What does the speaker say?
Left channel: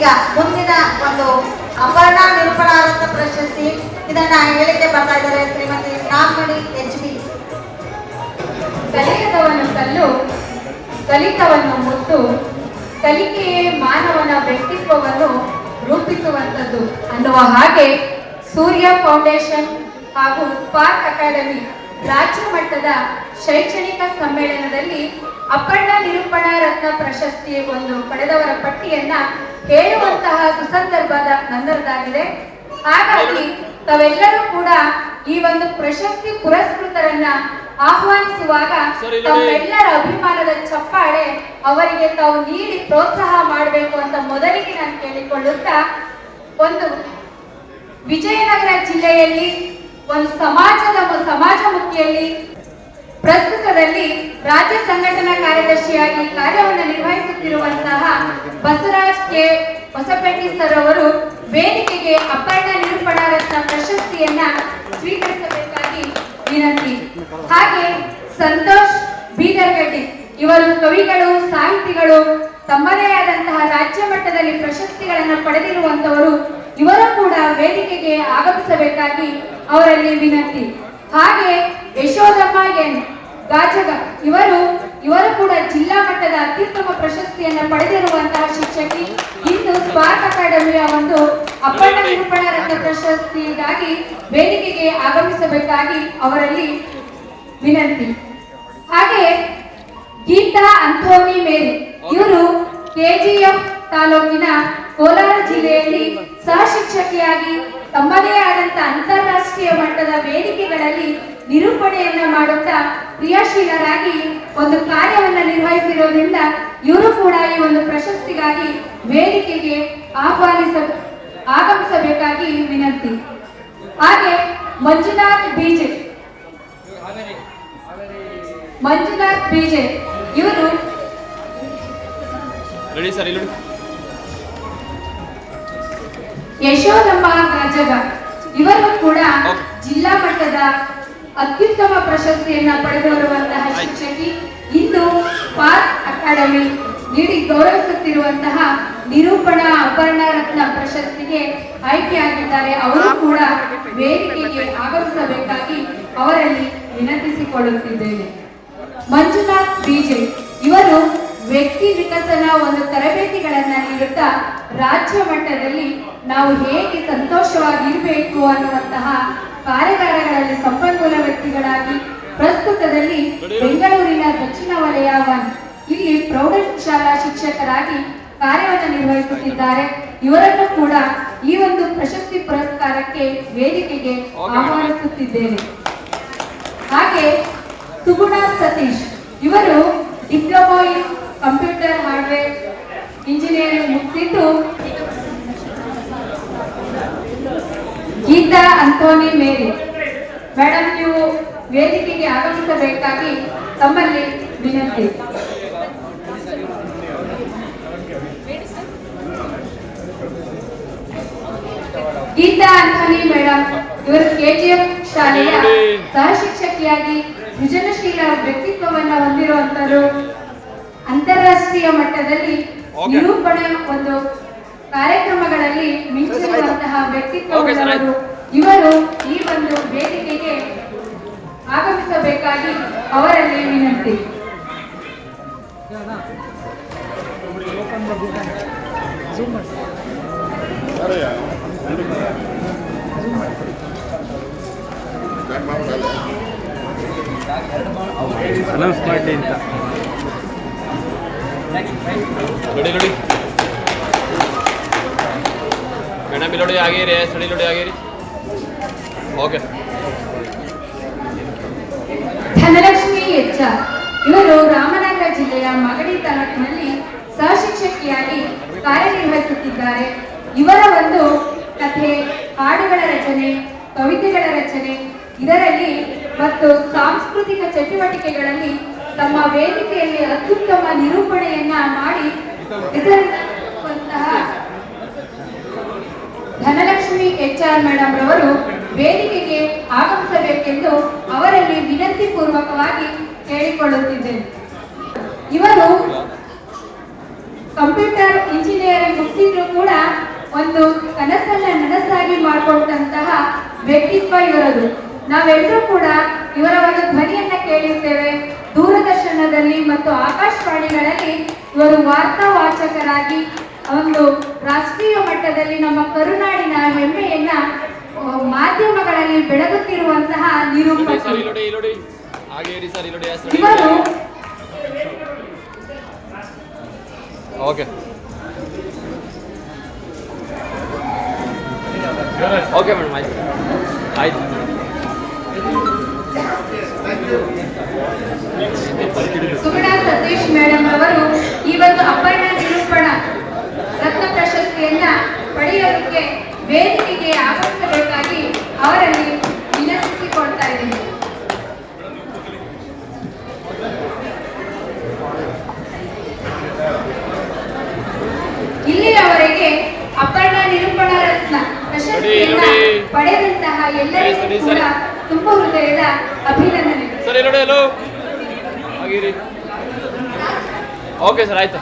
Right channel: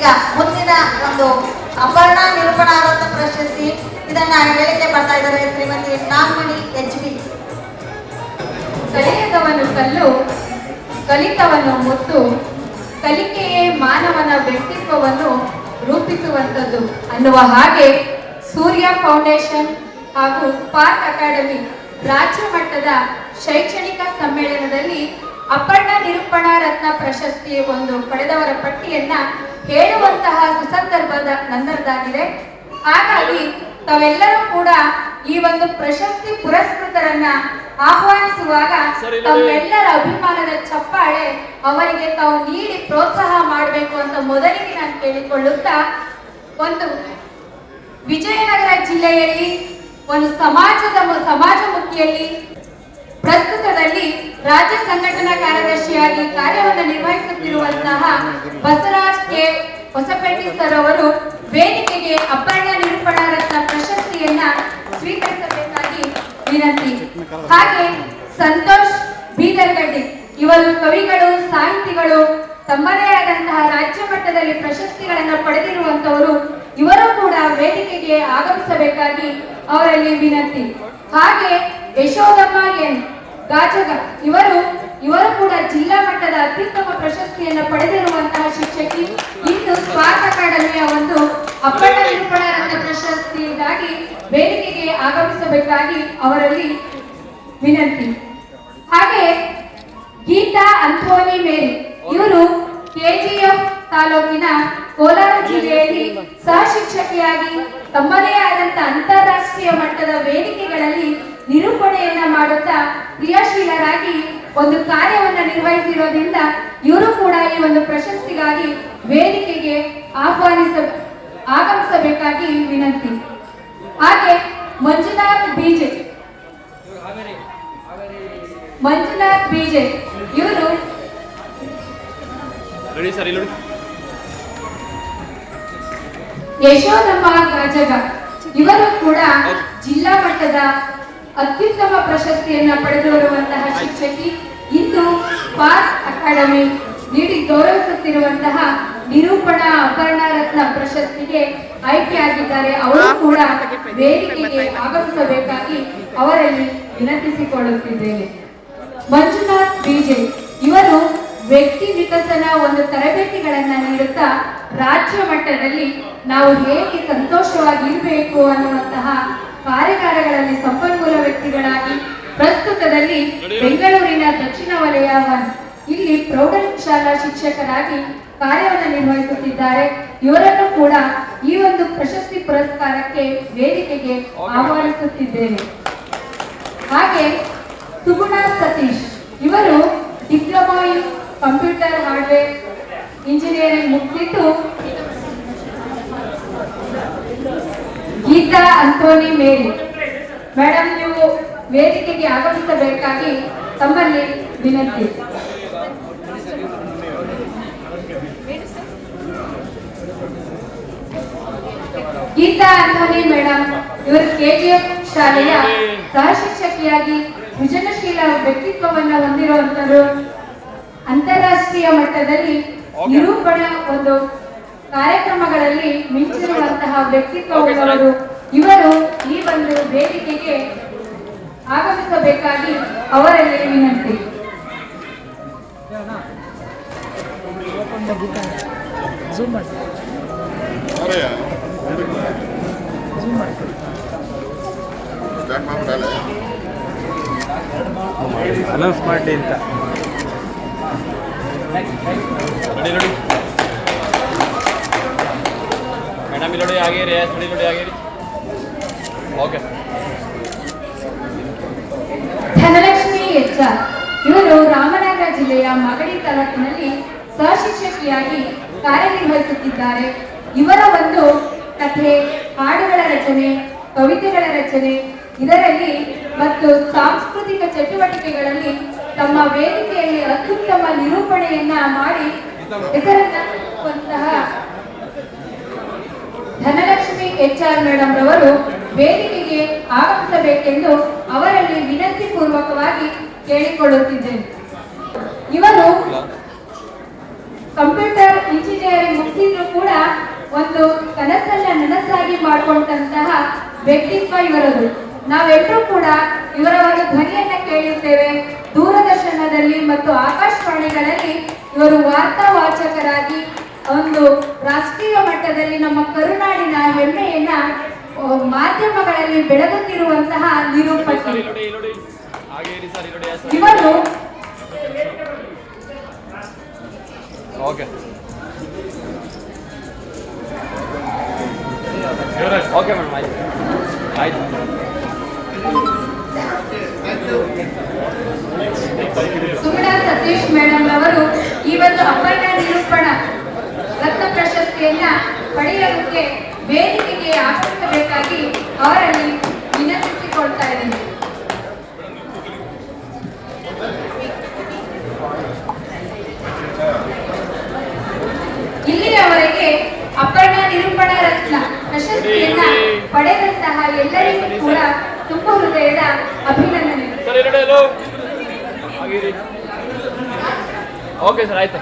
ಈಗ ಮುಂದಿನ ಒಂದು ಅಪರ್ಣಾ ನಿರೂಪಣಾರತ್ನ ಪ್ರಶಸ್ತಿ ಇದನ್ನ ಹೇಳಿಕೆ ಬರ್ತಾ ಇದ್ದಾರೆ ಶ್ರೀಮತಿ ನಾಗಮಣಿ HB. ಕಲಿಯದವನು ಕಲ್ಲು, ಕಲಿತವನ್ನು ಮುತ್ತು, ಕಲಿಕೆಯೇ ಮಾನವನ ವ್ಯಕ್ತಿತ್ವವನ್ನು ರೂಪಿಸುವಂಥದ್ದು ಅನ್ನುವ ಹಾಗೆ ಸೂರ್ಯ ಫೌಂಡೇಶನ್ ಹಾಗೂ ಸ್ಪಾರ್ಕ್ ಅಕಾಡೆಮಿ ರಾಜ್ಯ ಮಟ್ಟದ ಶೈಕ್ಷಣಿಕ ಸಮ್ಮೇಳನದಲ್ಲಿ ಅಪರ್ಣಾ ನಿರೂಪಣಾ ರತ್ನ ಪ್ರಶಸ್ತಿ ಒಂದು ಪಡೆದವರ ಪಟ್ಟಿಯನ್ನ ಹೇಳುವಂತಹ ಸುಸಂದರ್ಭದ ನಂತರದಾಗಿದೆ. ಹಾಗಾಗಿ ತಾವೆಲ್ಲರೂ ಕೂಡ ಈ ಒಂದು ಪ್ರಶಸ್ತಿ ಪುರಸ್ಕೃತರನ್ನ ಆಹ್ವಾನಿಸುವಾಗ ತಮ್ಮೆಲ್ಲರ ಅಭಿಮಾನದ ಚಪ್ಪಾಳೆ ಅವರಿಗೆ ತಾವು ನೀಡಿ ಪ್ರೋತ್ಸಾಹ ಮಾಡಬೇಕು ಅಂತ ಮೊದಲಿಗೆ ನಾನು ಕೇಳಿಕೊಳ್ಳುತ್ತಾ, ಒಂದು ವಿಜಯನಗರ ಜಿಲ್ಲೆಯಲ್ಲಿ ಒಂದು ಸಮಾಜಮುಖಿಯಲ್ಲಿ ಪ್ರಸ್ತುತದಲ್ಲಿ ರಾಜ್ಯ ಸಂಘಟನಾ ಕಾರ್ಯದರ್ಶಿಯಾಗಿ ಕಾರ್ಯವನ್ನು ನಿರ್ವಹಿಸುತ್ತಿರುವಂತಹ ಬಸವರಾಜ್ ಕೆ ಹೊಸಪೇಟೆ ಸರ್ ಅವರು ವೇದಿಕೆಗೆ ಅಪರ್ಣಾ ನಿರೂಪಣಾ ರತ್ನ ಪ್ರಶಸ್ತಿಯನ್ನ ಸ್ವೀಕರಿಸಬೇಕಾಗಿ ವಿನಂತಿ. ಹಾಗೆ ಸಂತೋಷ್ ಬೀದರ್ಗಡ್ಡಿ ಇವರು ಕವಿಗಳು, ಸಾಹಿತಿಗಳು, ತಮ್ಮದೇ ಆದಂತಹ ರಾಜ್ಯ ಮಟ್ಟದಲ್ಲಿ ಪ್ರಶಸ್ತಿಗಳನ್ನು ಪಡೆದಿರುವಂತವರು. ಇವರು ಕೂಡ ವೇದಿಕೆಗೆ ಆಗಮಿಸಬೇಕಾಗಿ ಅವರಲ್ಲಿ ವಿನಂತಿ. ಹಾಗೆ ಯಶೋದಮ್ಮ ಎನ್ ಗಾಜಗ ಇವರು ಕೂಡ ಜಿಲ್ಲಾ ಮಟ್ಟದ ಅತ್ಯುತ್ತಮ ಪ್ರಶಸ್ತಿಯನ್ನು ಪಡೆದಿರುವಂತಹ ಶಿಕ್ಷಕಿ. ಇಂದು ಸ್ಪಾರ್ಕ್ ಅಕಾಡೆಮಿಯ ಒಂದು ಅಪರ್ಣಾ ನಿರೂಪಣಾ ರತ್ನ ಪ್ರಶಸ್ತಿಗಾಗಿ ವೇದಿಕೆಗೆ ಆಗಮಿಸಬೇಕಾಗಿ ಅವರಲ್ಲಿ ವಿನಂತಿ. ಹಾಗೆ ಗೀತಾ ಅಂಥೋನಿ ಮೇರಿ ಇವರು KGF ತಾಲೂಕಿನ ಕೋಲಾರ ಜಿಲ್ಲೆಯಲ್ಲಿ ಸಹ ಶಿಕ್ಷಕಿಯಾಗಿ ತಮ್ಮದೇ ಆದಂತಹ ಅಂತಾರಾಷ್ಟ್ರೀಯ ಮಟ್ಟದ ವೇದಿಕೆಗಳಲ್ಲಿ ನಿರೂಪಣೆಯನ್ನ ಮಾಡುತ್ತಾ ಕ್ರಿಯಾಶೀಲರಾಗಿ ಒಂದು ಕಾರ್ಯವನ್ನ ನಿರ್ವಹಿಸಿರೋದ್ರಿಂದ ಇವರು ಕೂಡ ಈ ಒಂದು ಪ್ರಶಸ್ತಿಗಾಗಿ ವೇದಿಕೆಗೆ ಆಗಮಿಸಬೇಕಾಗಿ ವಿನಂತಿ. ಹಾಗೆ ಮಂಜುನಾಥ್ ಬೀಜೆ ಇವರು ಯಶೋದಮ್ಮ ಗಾಜಗ ಇವರು ಕೂಡ ಜಿಲ್ಲಾ ಮಟ್ಟದ ಅತ್ಯುತ್ತಮ ಪ್ರಶಸ್ತಿಯನ್ನ ಪಡೆದಿರುವಂತಹ ಶಿಕ್ಷಕಿ. ಇಂದು ಸ್ಪಾರ್ಕ್ ಅಕಾಡೆಮಿ ನೀಡಿ ಗೌರವಿಸುತ್ತಿರುವಂತಹ ನಿರೂಪಣಾ ಅಪರ್ಣಾ ರತ್ನ ಪ್ರಶಸ್ತಿಗೆ ಆಯ್ಕೆಯಾಗಿದ್ದಾರೆ. ಅವರು ಕೂಡ ವೇದಿಕೆಗೆ ಆಗಮಿಸಬೇಕಾಗಿ ಅವರಲ್ಲಿ ವಿನಂತಿಸಿಕೊಳ್ಳುತ್ತಿದ್ದೇನೆ. ಮಂಜುನಾಥ್ ಬೀಜೆ ಇವರು ವ್ಯಕ್ತಿ ವಿಕಸನ ಒಂದು ತರಬೇತಿಗಳನ್ನ ನೀಡುತ್ತಾ ರಾಜ್ಯ ಮಟ್ಟದಲ್ಲಿ ನಾವು ಹೇಗೆ ಸಂತೋಷವಾಗಿ ಇರಬೇಕು ಅನ್ನುವಂತಹ ಕಾರ್ಯಗಾರಗಳಲ್ಲಿ ಸಂಪನ್ಮೂಲ ವ್ಯಕ್ತಿಗಳಾಗಿ ಪ್ರಸ್ತುತದಲ್ಲಿ ಬೆಂಗಳೂರಿನ ದಕ್ಷಿಣ ವಲಯ 1 ಇಲ್ಲಿ ಪ್ರೌಢಶಾಲಾ ಶಿಕ್ಷಕರಾಗಿ ಕಾರ್ಯವನ್ನು ನಿರ್ವಹಿಸುತ್ತಿದ್ದಾರೆ. ಇವರನ್ನು ಕೂಡ ಈ ಒಂದು ಪ್ರಶಸ್ತಿ ಪುರಸ್ಕಾರಕ್ಕೆ ವೇದಿಕೆಗೆ ಆಹ್ವಾನಿಸುತ್ತಿದ್ದೇನೆ. ಹಾಗೆ ಸುಗುಣ ಸತೀಶ್ ಇವರು diploma in computer hardware engineering ಮುಗಿಸಿದ್ದು. ಗೀತಾ ಅಂಥೋನಿ ಮೇರಿ ಮೇಡಮ್ ನೀವು ವೇದಿಕೆಗೆ ಆಗಮಿಸಬೇಕಾಗಿ ತಮ್ಮಲ್ಲಿ ವಿನಂತಿ. ಗೀತಾ ಅಂಥೋನಿ ಮೇಡಮ್ ಇವರು KGF ಶಾಲೆಯ ಸಹ ಶಿಕ್ಷಕಿಯಾಗಿ ಸೃಜನಶೀಲ ವ್ಯಕ್ತಿತ್ವವನ್ನು ಹೊಂದಿರುವಂತರು. ಅಂತಾರಾಷ್ಟ್ರೀಯ ಮಟ್ಟದಲ್ಲಿ ನಿರೂಪಣೆ ಒಂದು ಕಾರ್ಯಕ್ರಮಗಳಲ್ಲಿ ಮಿಂಚಿರುವಂತಹ ವ್ಯಕ್ತಿತ್ವವುಳ್ಳವರು. ಇವರು ಈ ಒಂದು ವೇದಿಕೆಗೆ ಆಗಮಿಸಬೇಕಾಗಿ ಅವರಲ್ಲಿ ವಿನಂತಿ. ಅನೌನ್ಸ್ ಮಾಡಿ ಅಂತ ಮೇಡಮ್ ಇಲ್ಲಿ ಆಗಿರಿ ಸಡಿ ನೋಡಿ ಆಗಿರಿ. ಓಕೆ. ಧನಲಕ್ಷ್ಮಿ HR ಇವರು ರಾಮನಗರ ಜಿಲ್ಲೆಯ ಮಗಡಿ ತಾಲೂಕಿನಲ್ಲಿ ಸಹ ಶಿಕ್ಷಕಿಯಾಗಿ ಕಾರ್ಯನಿರ್ವಹಿಸುತ್ತಿದ್ದಾರೆ. ಇವರ ಒಂದು ಕಥೆ, ಹಾಡುಗಳ ರಚನೆ, ಕವಿತೆಗಳ ರಚನೆ ಇದರಲ್ಲಿ ಮತ್ತು ಸಾಂಸ್ಕೃತಿಕ ಚಟುವಟಿಕೆಗಳಲ್ಲಿ ತಮ್ಮ ವೇದಿಕೆಯಲ್ಲಿ ಅತ್ಯುತ್ತಮ ನಿರೂಪಣೆಯನ್ನ ಮಾಡಿ ಹೆಸರಿಸುವಂತಹ ಧನಲಕ್ಷ್ಮಿ HR ಮೇಡಮ್ ರವರು ವೇದಿಕೆಗೆ ಆಗಮಿಸಬೇಕೆಂದು ಅವರಲ್ಲಿ ವಿನಂತಿ ಪೂರ್ವಕವಾಗಿ ಕೇಳಿಕೊಳ್ಳುತ್ತಿದ್ದೇನೆ. ಇವರು ಕಂಪ್ಯೂಟರ್ ಇಂಜಿನಿಯರಿಂಗ್ ಮುಗಿಸಿದ್ರು ಕೂಡ ಒಂದು ಕನಸನ್ನ ನನಸಾಗಿ ಮಾಡಿಕೊಂಡಂತಹ ವ್ಯಕ್ತಿತ್ವ ಇವರದು. ನಾವೆಲ್ಲರೂ ಕೂಡ ಇವರ ಒಂದು ಧ್ವನಿಯನ್ನ ಕೇಳಿರ್ತೇವೆ. ದೂರದರ್ಶನದಲ್ಲಿ ಮತ್ತು ಆಕಾಶವಾಣಿಗಳಲ್ಲಿ ಇವರು ವಾರ್ತಾವಾಚಕರಾಗಿ ಒಂದು ರಾಷ್ಟ್ರೀಯ ಮಟ್ಟದಲ್ಲಿ ನಮ್ಮ ಕರುನಾಡಿನ ಹೆಮ್ಮೆಯನ್ನ ಮಾಧ್ಯಮಗಳಲ್ಲಿ ಬೆಳಗುತ್ತಿರುವಂತಹ ನಿರೂಪಕರು ಇವರು. ಓಕೆ ಓಕೆ ಮೇಡಮ್, ಆಯ್ತು ಆಯ್ತು. ಸುಗುಣಾ ಸತೀಶ್ ಮೇಡಮ್ ಅವರು ಈ ಒಂದು ಅಪ್ಪಣ್ಣ ನಿರೂಪಣ ರತ್ನ ಪ್ರಶಸ್ತಿಯನ್ನ ಪಡೆಯೋದಕ್ಕೆ ವೇದಿಕೆಗೆ ಆಗಮಿಸಬೇಕಾಗಿ ಅವರಲ್ಲಿ ವಿನಂತಿಸಿಕೊಳ್ತಾ ಇದ್ದೀನಿ. ಇಲ್ಲಿಯವರೆಗೆ ಅಪರ್ಣ ನಿರೂಪಣಾ ರತ್ನ ಪ್ರಶಸ್ತಿಯನ್ನ ಪಡೆದಂತಹ ಎಲ್ಲರಿಗೂ ಕೂಡ ತುಂಬ ಹೃದಯದ ಅಭಿನಂದನೆ. ಓಕೆ ಸರ್, ಆಯ್ತು.